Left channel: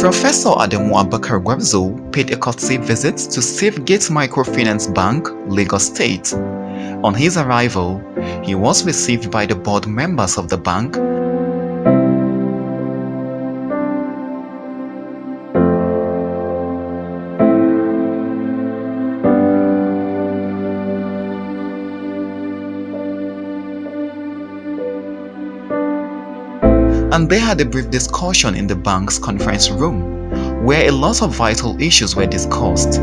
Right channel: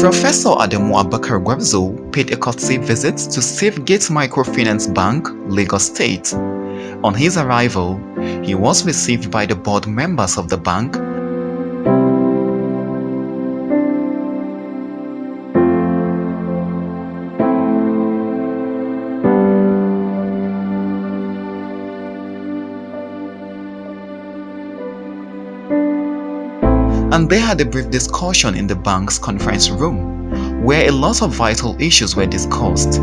Professor Abacha Gwarzo paid a courtesy visit to SafeGate Microfinance Bank, Lagos State. On his arrival, he was received by the board members of the bank and they had a brief discussion in the bank's conference room, where a lot of vital issues were discussed.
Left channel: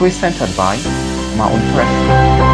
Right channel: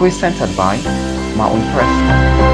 Presented by MAAUN Press.